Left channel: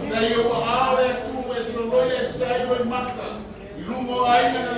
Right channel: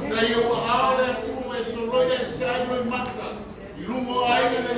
Sa ia wa aore tu e solo ia sa i mata. I lungo ai na